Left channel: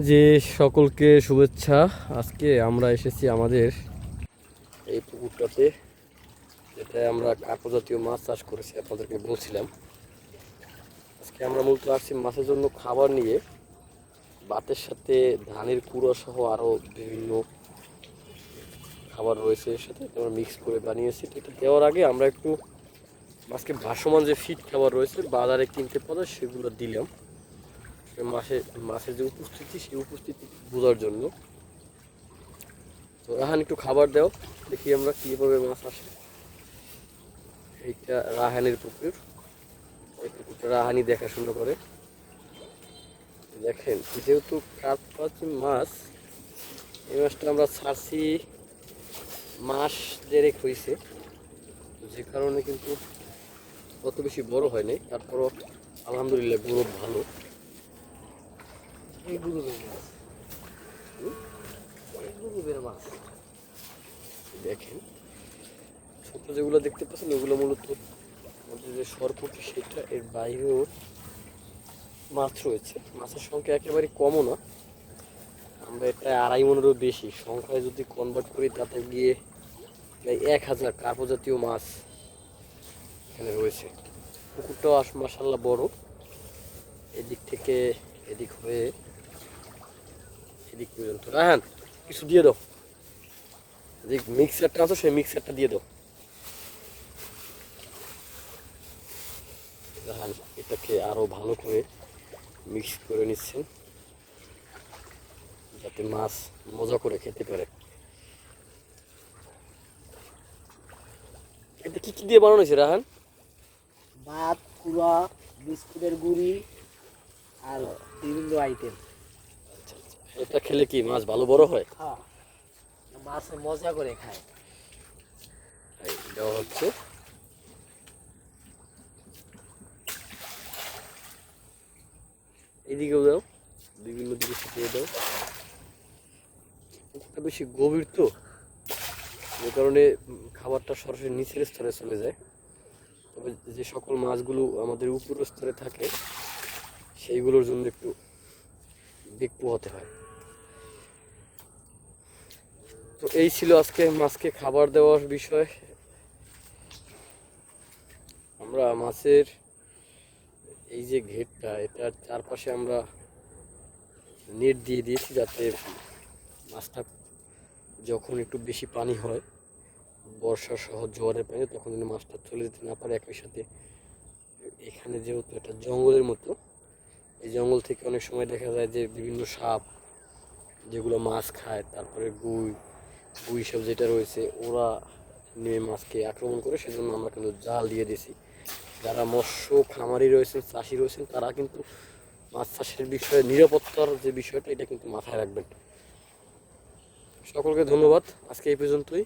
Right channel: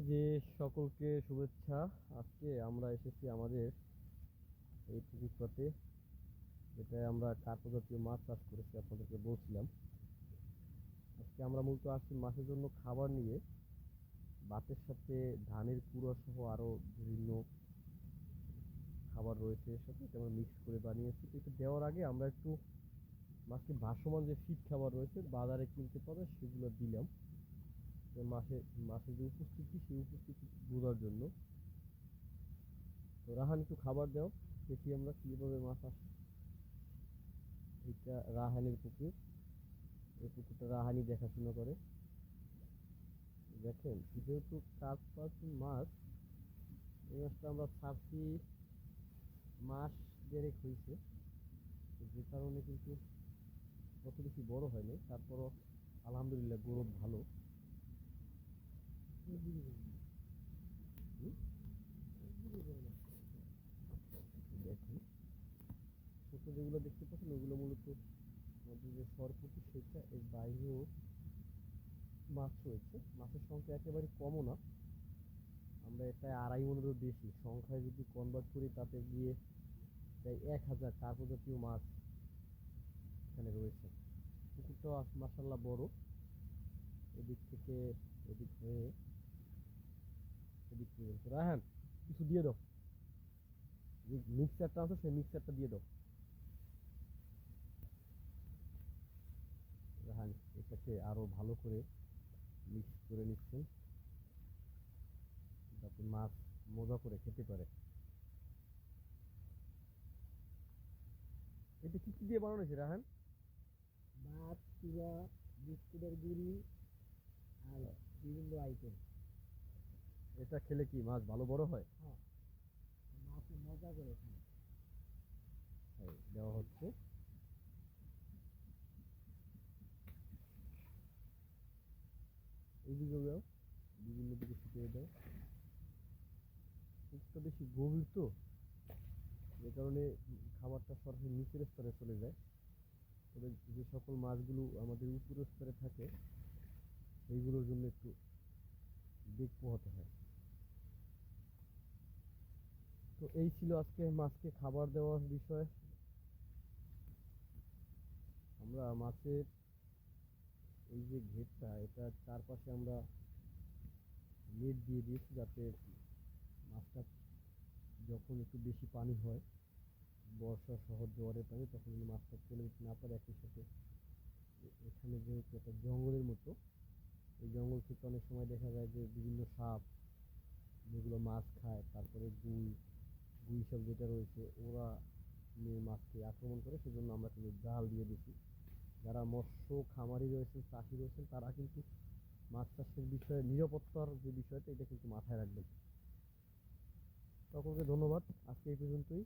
যে সকলকে শুভেচ্ছা। আজকে আমরা এসেছি আমাদের এই পুকুরটাতে, যেটা আমরা কার্প জাতীয় মাছ চাষ করেছি, আপনাদেরকে বলছিলাম। আজকে আমরা মূলত আসছি মাছের জন্য খাবার নিয়ে। ভাতের সাথে ধানের কুড়া সহ আরও বিভিন্ন খাবার রয়েছে, এর সাথে আমরা মিক্স করে বানিয়েছি। তো এটা দেওয়ার আগে আমরা একটু মাছকে ভাসমান যে ফিড খাবার রয়েছে বাজারে কিনতে পাওয়া সেগুলো দিলাম মাছের যে উপস্থিতি সেই উপস্থিতি বোঝার জন্য। তো রাহান একটু খাবার দাও, দেখি আমরা কীভাবে মাছ আসে। এইটা রাহানের পুকুর, এই পুকুরটা রাহানি দেখাশোনা করে। দেখেন, যেহেতু কার্পাস মাছ, এই মাছটা আমরা ছাড়ছি মাস দেড়েক হয়েছে, যে কারণে কিন্তু অত বেশি বড় হয় নাই। তারপরও আলহামদুলিল্লাহ গ্রোথ ভালো। এই গুরুবের মাছ, এই গুরুবের মাছ দেখেন, ছোট যেগুলো দেখতে পাচ্ছেন ওগুলো মূলত আমাদের যে সরপুটি সেটা, এর বাইরেও মাছ রয়েছে। মাছের সংখ্যা একেবারে কমও না, আমরা এটা 2.5 মনেরও বেশি সংখ্যায় যদি কনভার্ট করি তাতে গিয়ে প্রায় 1000 কার্প জাতীয় মাছ এখানে রয়েছে। পুকুরটাও মাশাআল্লাহ বড়, এদিক থেকে এদিক হয়ে এদিক পর্যন্ত। রাহান, কিছু দিয়ে দাও, যে মিক্সারটা আছে সেই মিক্সারটা দিয়ে দাও। রাহান এটাকে আরো ভালো করে মিক্স করে নিচ্ছেন যাতে মাছ মজা করে খেতে পারে। এটা কি কি দিয়ে বানানো হয়েছে রাহান? ভাত, কুড়া, বিস্কুটের গুঁড়ি আর বিভিন্ন আইটেম। এটা খেলে কি মাছ ভালো বড় হয়? হ্যাঁ, মাছে মজা করে খায়। এই দেওয়া হচ্ছে। এদিকেও দাও, বিভিন্ন দিকে ছিটিয়ে দাও। পুকুরটা বেশি গভীর তো, যে কারণে খাবারটা সরাসরি নিচের স্তরে চলে যায়। তবে যে সকল মাছগুলো আমাদের উপরের স্তরে থাকে সেইগুলোর জন্য একটু বেগ পোহাতে হয়। তো এই ছিল আজকে মাছকে খাবার দেওয়ার বিষয়। আমরা মাছের এই যে ঘেরটা, এটার চারপাশে আমরা নেট দিয়ে দিয়েছি, যাতে মাছটা যখন একটু বেশি পানি হয়, বর্ষা সহ জোয়ারের পানি, তখন যেন মাছটা চলে যেতে না পারে। একই সাথে এখানে যেহেতু এটা জঙ্গলের মতো, এই জঙ্গল থেকে অনেক সময় দেখা যায় যে বিভিন্ন সাপ যেগুলো মাছ খায়, তারপরে গুই সব যেটা রয়েছে, ওরা নেমে মাছকে আক্রমণ করে। সেজন্য আমরা কিন্তু জাল দিয়ে দিয়েছি। যারা মৎস্য খামারি রয়েছেন, চাষি রয়েছেন, তারা কিন্তু মাছ চাষের বিষয়ে নিরাপত্তার যে বিষয়টা, এটা কিন্তু মাথায় রাখবেন। সকলকে ধন্যবাদ, আজকে এই পর্যন্তই।